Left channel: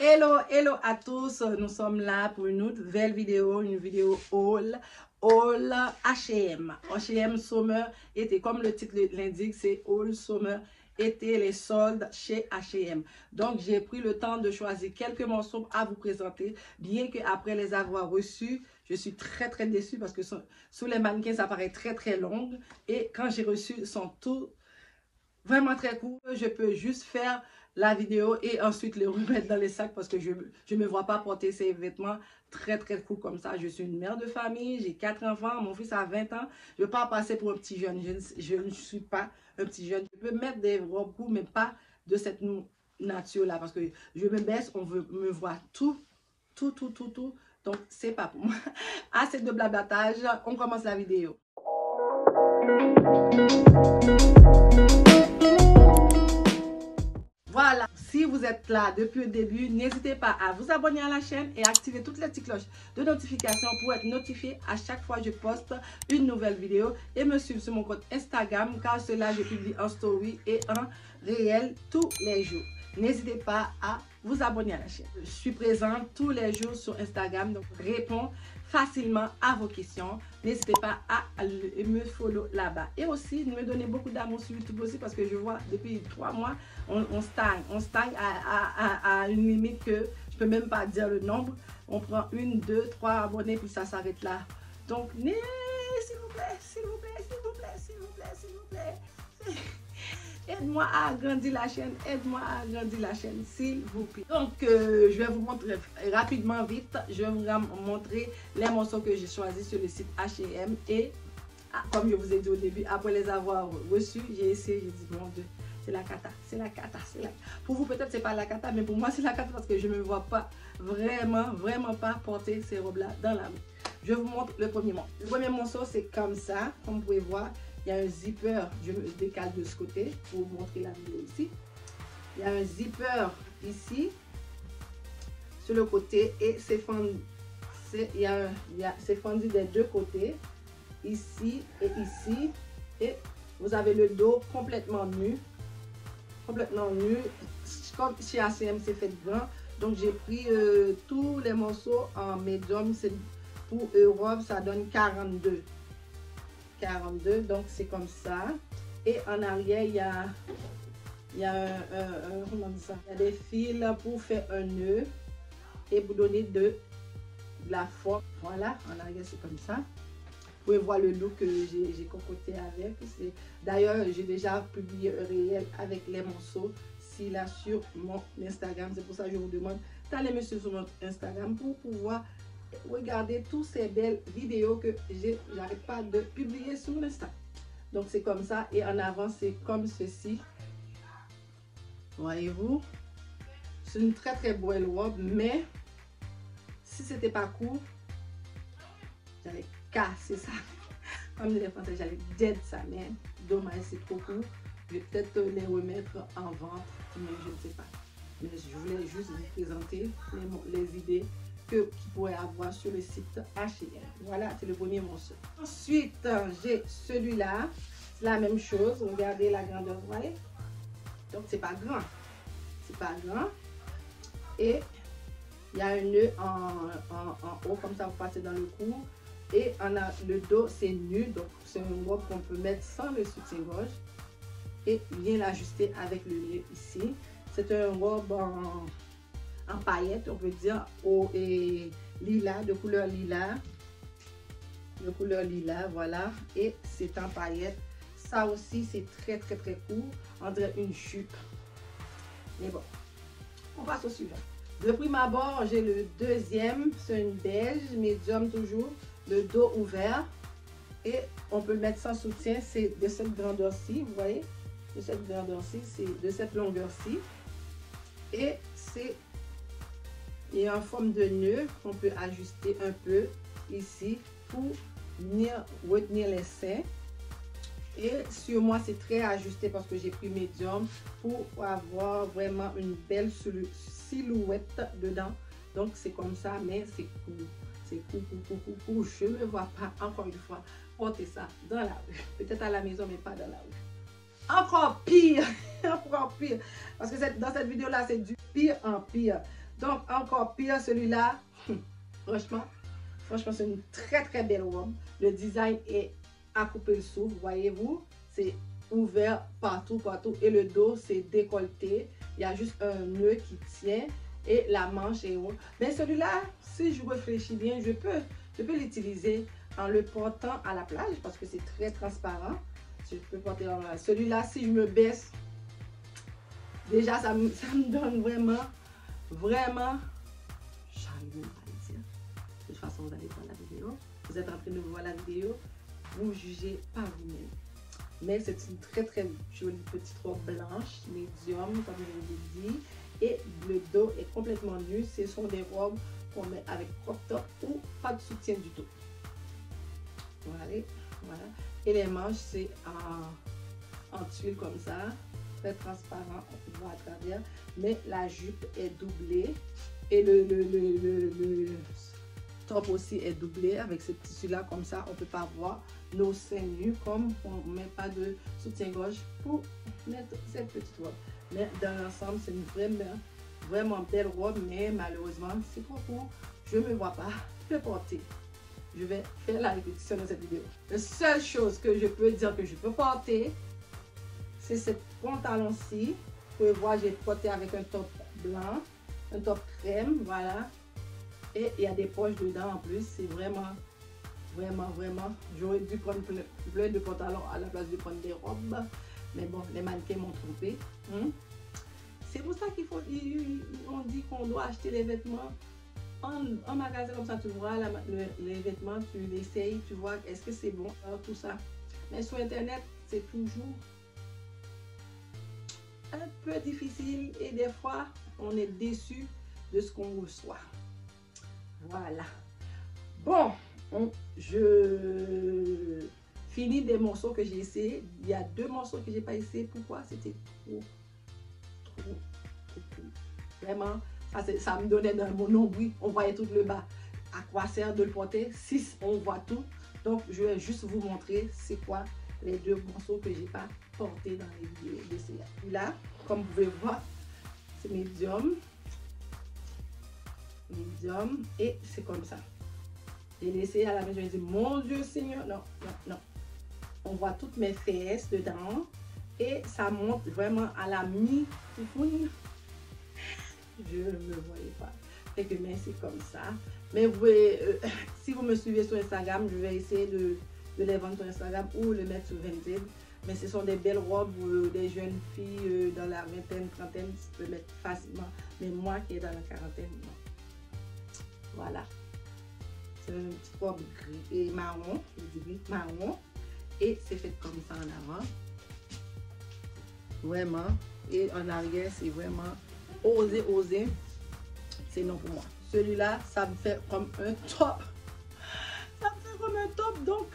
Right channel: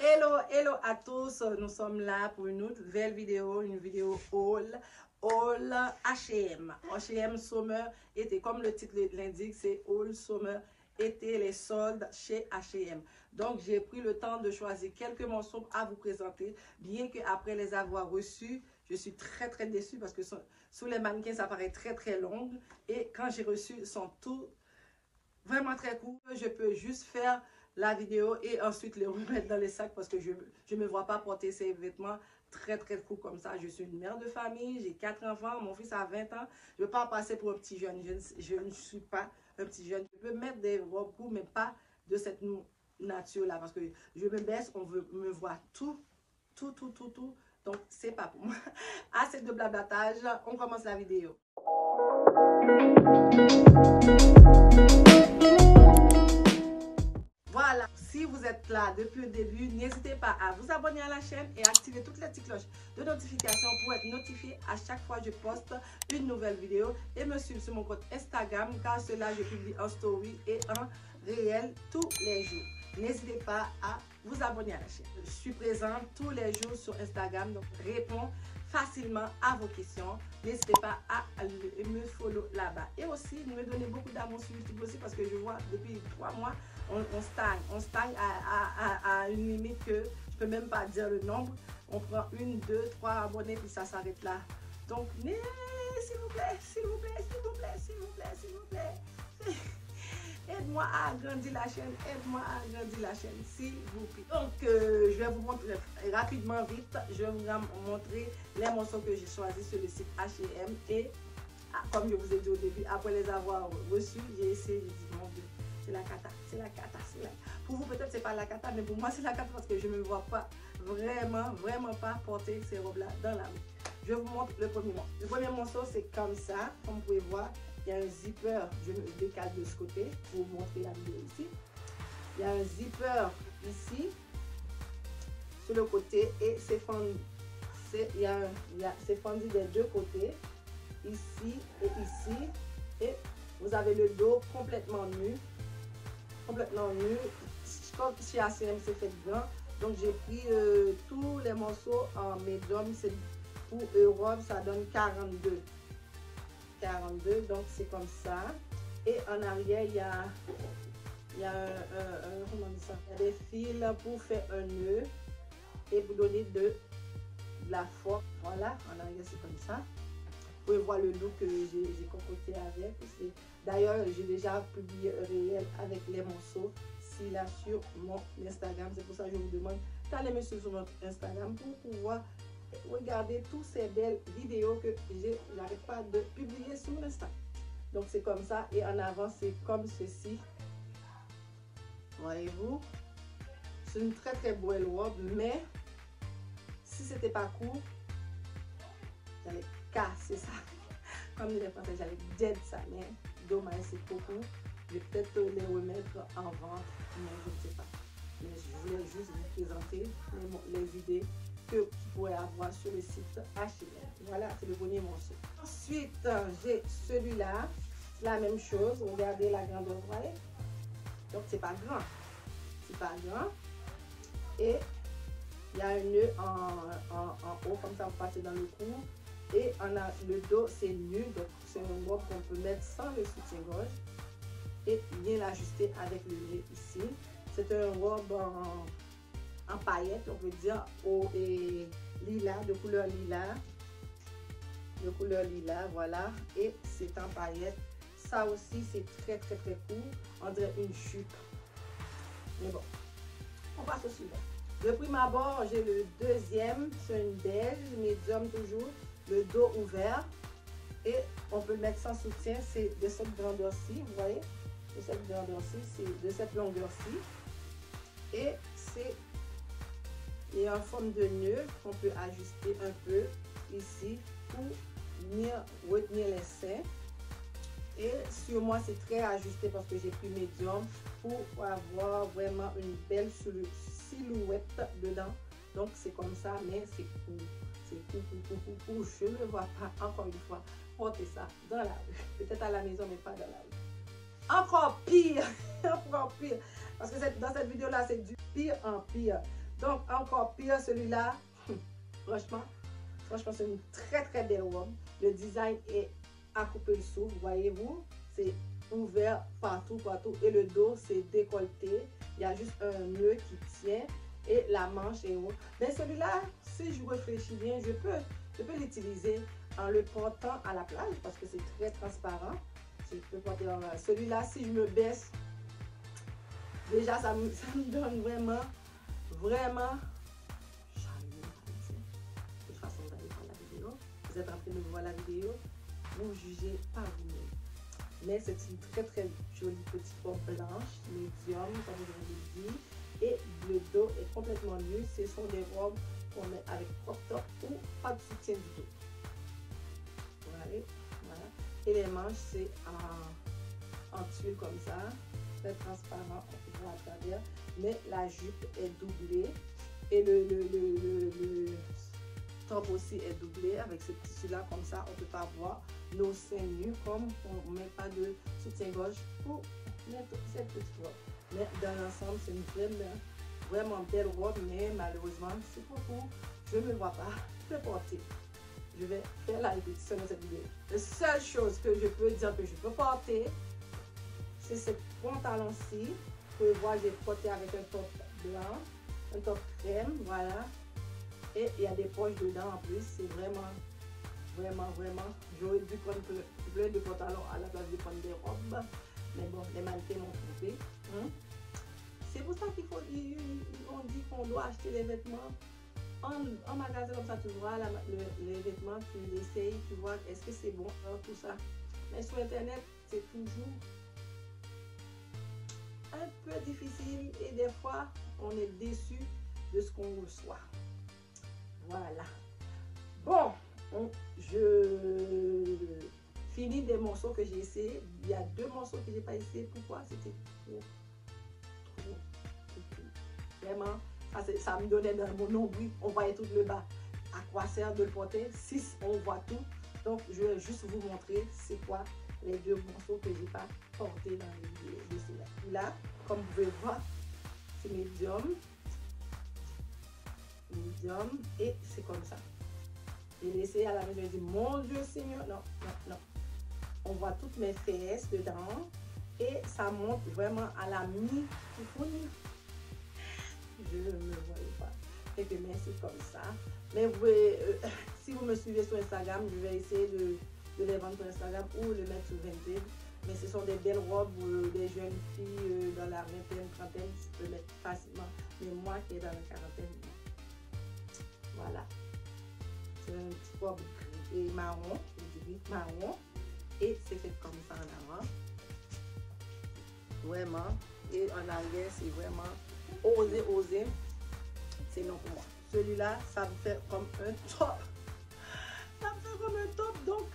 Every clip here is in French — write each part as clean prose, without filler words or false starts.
Hello, hello à tous, nous sommes là pour une nouvelle vidéo, haul H&M. H&M Summer été, comme le titre l'indique, c'est haul Summer été, les soldes chez H&M. Donc j'ai pris le temps de choisir quelques morceaux à vous présenter, bien qu'après les avoir reçus, je suis très déçue parce que sous les mannequins ça paraît très long, et quand j'ai reçu, ils sont tous vraiment très cool. Je peux juste faire la vidéo et ensuite les remettre dans les sacs parce que je ne me vois pas porter ces vêtements très cool comme ça. Je suis une mère de famille, j'ai 4 enfants, mon fils a 20 ans. Je ne veux pas passer pour un petit jeune. Je ne suis pas un petit jeune. Je peux mettre des robes courtes, mais pas de cette nature-là parce que je me baisse, on veut me voir tout. Donc, c'est pas pour moi. Assez de blablatage, on commence la vidéo. Voilà, si vous êtes là depuis le début, n'hésitez pas à vous abonner à la chaîne et activer toutes les petites cloches de notification pour être notifié à chaque fois que je poste une nouvelle vidéo, et me suivre sur mon compte Instagram, car cela je publie en story et en réel tous les jours. N'hésitez pas à vous abonner à la chaîne. Je suis présente tous les jours sur Instagram, donc réponds facilement à vos questions. N'hésitez pas à me follow là-bas. Et aussi, me donner beaucoup d'amour sur YouTube aussi, parce que je vois depuis 3 mois, on stagne à une limite que je peux même pas dire le nombre. On prend 1, 2, 3 abonnés, puis ça s'arrête là. Donc, s'il vous plaît. Aide-moi à agrandir la chaîne, s'il vous plaît. Donc, je vais vous montrer rapidement, vite, je vais vous montrer les morceaux que j'ai choisis sur le site H&M. Et comme je vous ai dit au début, après les avoir reçus, j'ai essayé, j'ai dit, mon Dieu, c'est la cata. Pour vous, peut-être c'est pas la cata, mais pour moi, c'est la cata parce que je ne me vois pas vraiment pas porter ces robes-là dans la rue. Je vous montre le premier morceau. Le premier morceau, c'est comme ça, comme vous pouvez voir. Il y a un zipper, je me décale de ce côté pour vous montrer la vidéo ici. Il y a un zipper ici, sur le côté, et c'est fendu. C'est fendu des deux côtés, ici et ici. Et vous avez le dos complètement nu. Comme chez H&M, c'est fait grand. Donc j'ai pris tous les morceaux en médium. Pour Europe, ça donne 42. Donc c'est comme ça. Et en arrière, il y a comment on dit ça? Il y a des fils pour faire un nœud et pour donner de la forme. Voilà, en arrière c'est comme ça. Vous pouvez voir le look que j'ai concocté avec. D'ailleurs, j'ai déjà publié un réel avec les morceaux là sur mon Instagram. C'est pour ça que je vous demande d'aller me suivre sur mon Instagram pour pouvoir regarder toutes ces belles vidéos que j'arrête pas de publier sur l'Insta. Donc c'est comme ça, et en avant c'est comme ceci. Voyez-vous, c'est une très belle robe, mais si c'était pas court, j'allais casser ça. Comme les Français, j'allais dead ça, mais dommage, c'est trop court. Je vais peut-être les remettre en vente, mais je ne sais pas. Mais je voulais juste vous présenter les idées que vous pourrez avoir sur le site H&M. Voilà, c'est le premier morceau. Ensuite, j'ai celui-là. C'est la même chose. Regardez la grandeur, vous voyez. Donc, c'est pas grand. Et il y a un nœud en haut, comme ça, vous passez dans le cou. Et le dos, c'est nu. Donc, c'est une robe qu'on peut mettre sans le soutien-gorge et bien l'ajuster avec le nœud ici. C'est une robe en paillettes, on peut dire, et lilas, de couleur lilas, voilà. Et c'est en paillettes. Ça aussi, c'est très court. On dirait une jupe. Mais bon, on passe au suivant. De prime abord, j'ai le deuxième. C'est une beige, médium toujours. Le dos ouvert. Et on peut le mettre sans soutien. C'est de cette grandeur-ci, vous voyez. De cette grandeur-ci, c'est de cette longueur-ci. Et il y a une forme de nœud qu'on peut ajuster un peu ici pour venir retenir les seins. Et sur moi, c'est très ajusté parce que j'ai pris médium pour avoir vraiment une belle silhouette dedans. Donc c'est comme ça, mais c'est court. Je ne me vois pas, encore une fois, porter ça dans la rue. Peut-être à la maison, mais pas dans la rue. Encore pire, parce que dans cette vidéo là c'est du pire en pire. Donc, encore pire, celui-là, franchement, c'est une très belle robe. Le design est à couper le souffle, voyez-vous. C'est ouvert partout. Et le dos, c'est décolleté. Il y a juste un nœud qui tient et la manche est haute. Mais celui-là, si je réfléchis bien, je peux l'utiliser en le portant à la plage parce que c'est très transparent. Je peux porter celui-là, si je me baisse, déjà ça me donne vraiment chaleur, on va dire. De toute façon, vous allez voir la vidéo. Vous êtes en train de voir la vidéo, vous jugez par vous-même. Mais c'est une très jolie petite robe blanche, médium, comme je vous l'ai dit. Et le dos est complètement nu. Ce sont des robes qu'on met avec crop top ou pas de soutien du tout. Voilà. Et les manches, c'est en tuile comme ça, très transparent, on voit à travers. Mais la jupe est doublée et le top aussi est doublé avec ce tissu-là. Comme ça, on ne peut pas voir nos seins nus, comme on ne met pas de soutien-gorge pour mettre cette petite robe. Mais dans l'ensemble, c'est une vraiment belle robe, mais malheureusement, c'est trop court. Je ne me vois pas le porter. Je vais faire la répétition de cette vidéo. La seule chose que je peux dire que je peux porter, c'est ce pantalon-ci. Vous pouvez voir, j'ai porté avec un top blanc, un top crème, voilà. Et il y a des poches dedans en plus. C'est vraiment. J'aurais dû prendre plein de pantalons à la place de prendre des robes. Mais bon, les mannequins m'ont trompé. C'est pour ça qu'il faut, on dit qu'on doit acheter les vêtements en magasin comme ça. Tu vois les vêtements, tu l'essayes, tu vois est-ce que c'est bon, tout ça. Mais sur internet, c'est toujours un peu difficile et des fois, on est déçu de ce qu'on reçoit. Voilà. Bon, je finis des morceaux que j'ai essayé. Il y a 2 morceaux que j'ai pas essayé. Pourquoi? C'était trop. Vraiment, ça me donnait dans mon nombril. On voyait tout le bas. À quoi sert de le porter si on voit tout? Donc, je vais juste vous montrer c'est quoi les 2 morceaux que j'ai pas portés dans les vidéos. Là, comme vous pouvez voir, c'est médium. Et c'est comme ça. J'ai essayé à la maison, j'ai dit mon Dieu Seigneur, non. On voit toutes mes fesses dedans et ça monte vraiment à la mi-coucouille. Je ne le voyais pas. Et que mais c'est comme ça. Mais vous pouvez, si vous me suivez sur Instagram, je vais essayer de les vendre sur Instagram ou le mettre sur Vinted. Mais ce sont des belles robes où les jeunes filles dans la vingtaine, trentaine peuvent mettre facilement. Mais moi qui est dans la quarantaine, non. Voilà. C'est une petite robe gris et marron, et c'est fait comme ça en avant. Vraiment. Et en arrière, c'est vraiment osé. C'est non pour moi. Celui-là, ça me fait comme un top. Ça me fait comme un top, donc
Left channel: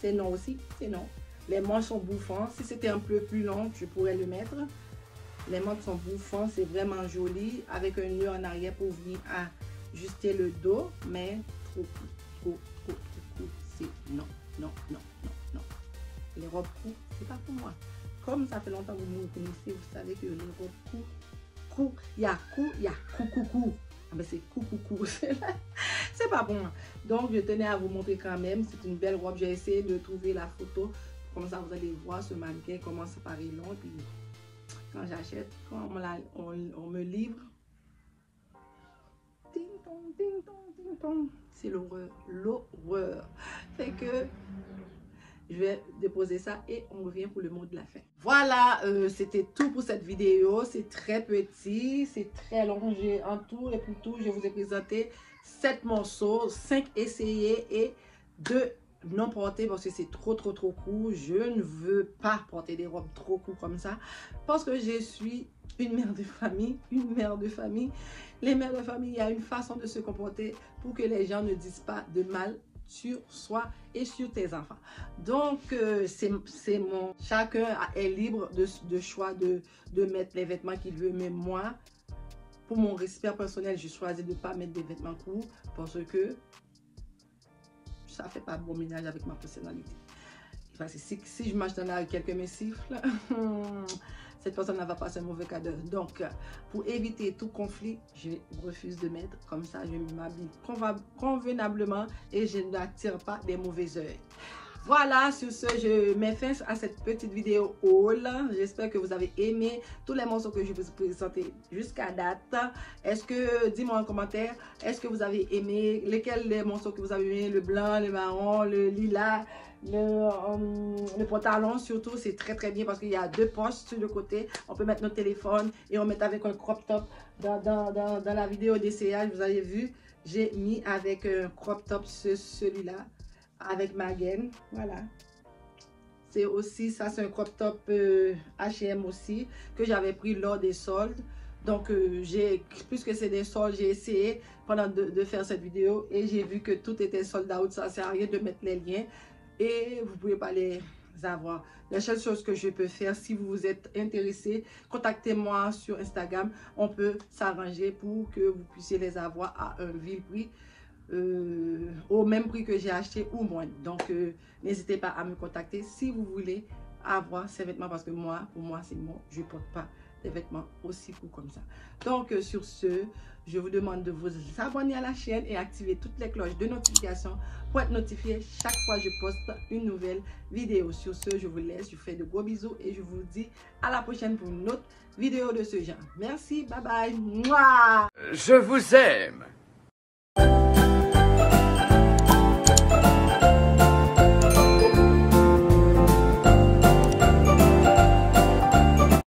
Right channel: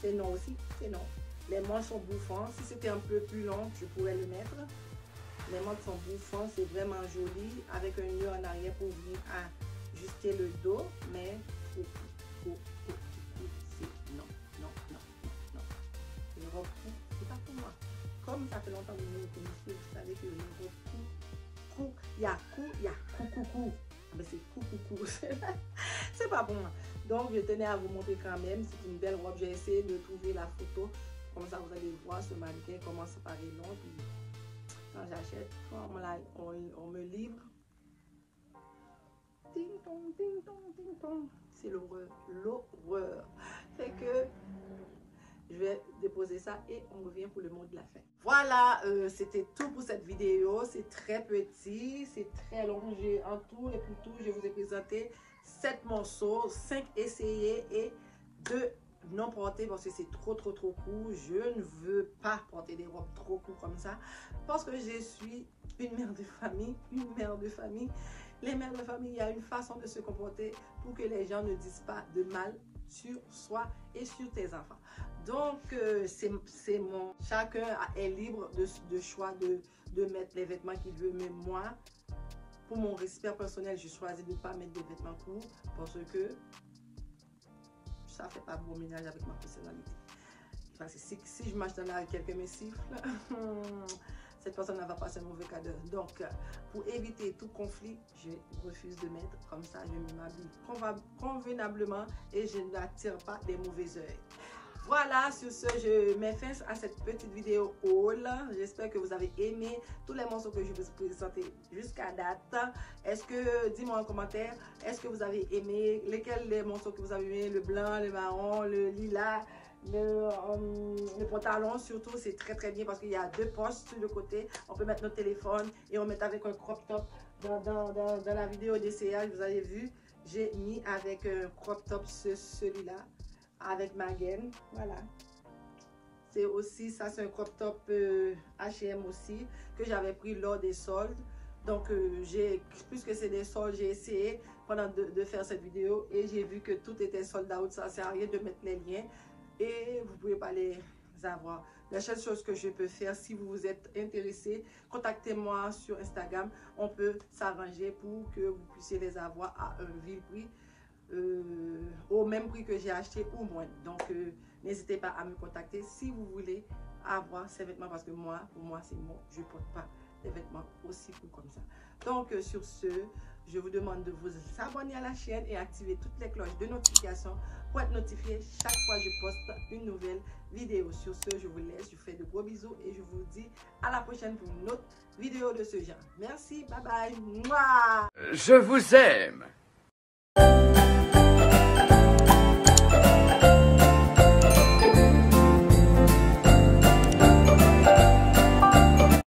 c'est non aussi, c'est non. Les manches sont bouffants. Si c'était un peu plus long, je pourrais le mettre. Les manches sont bouffants, c'est vraiment joli. Avec un nœud en arrière pour venir ajuster le dos, mais trop. C'est non. Les robes courtes, c'est pas pour moi. Comme ça fait longtemps que vous me connaissez, vous savez que les robes courtes, il y a cou. Ah ben c'est cou. C'est pas pour moi. Donc je tenais à vous montrer quand même. C'est une belle robe. J'ai essayé de trouver la photo. Comme ça vous allez voir ce mannequin comment ça paraît long. Puis quand j'achète, quand on me livre, ding dong. C'est l'horreur. Fait que je vais déposer ça et on revient pour le mot de la fin. Voilà, c'était tout pour cette vidéo. C'est très petit, c'est très long. En tout et pour tout, je vous ai présenté 7 morceaux, 5 essayés et 2 non portés parce que c'est trop court. Je ne veux pas porter des robes trop courtes comme ça parce que je suis une mère de famille. Les mères de famille, il y a une façon de se comporter pour que les gens ne disent pas de mal sur soi et sur tes enfants. Donc, c'est mon... Chacun est libre de choix de mettre les vêtements qu'il veut. Mais moi, pour mon respect personnel, j'ai choisi de ne pas mettre des vêtements courts parce que ça ne fait pas bon ménage avec ma personnalité. Parce que si je marche dans la rue, quelqu'un me siffle, cette personne ne va passer un mauvais quart d'heure. Donc, pour éviter tout conflit, je refuse de mettre comme ça. Je m'habille convenablement et je n'attire pas des mauvais œils. Voilà, sur ce, je mets fin à cette petite vidéo haul. J'espère que vous avez aimé tous les morceaux que je vous ai présentés jusqu'à date. Est-ce que, dis-moi en commentaire, est-ce que vous avez aimé, lesquels les morceaux que vous avez aimé, le blanc, le marron, le lilas, le pantalon surtout, c'est très très bien parce qu'il y a 2 poches sur le côté. On peut mettre notre téléphone et on met avec un crop top. Dans la vidéo d'essayage, vous avez vu, j'ai mis avec un crop top celui-là. Avec ma gaine, voilà. C'est aussi, ça c'est un crop top H&M aussi, que j'avais pris lors des soldes. Donc, puisque c'est des soldes, j'ai essayé pendant de faire cette vidéo et j'ai vu que tout était sold out. Ça sert à rien de mettre les liens et vous pouvez pas les avoir. La seule chose que je peux faire, si vous êtes intéressé, contactez-moi sur Instagram. On peut s'arranger pour que vous puissiez les avoir à un vil prix. Au même prix que j'ai acheté ou moins. Donc n'hésitez pas à me contacter si vous voulez avoir ces vêtements parce que pour moi c'est bon, je ne porte pas des vêtements aussi courts comme ça. Donc sur ce, je vous demande de vous abonner à la chaîne et activer toutes les cloches de notification pour être notifié chaque fois que je poste une nouvelle vidéo. Sur ce, je vous laisse, je vous fais de gros bisous et je vous dis à la prochaine pour une autre vidéo de ce genre. Merci, bye bye. Mouah. Je vous aime.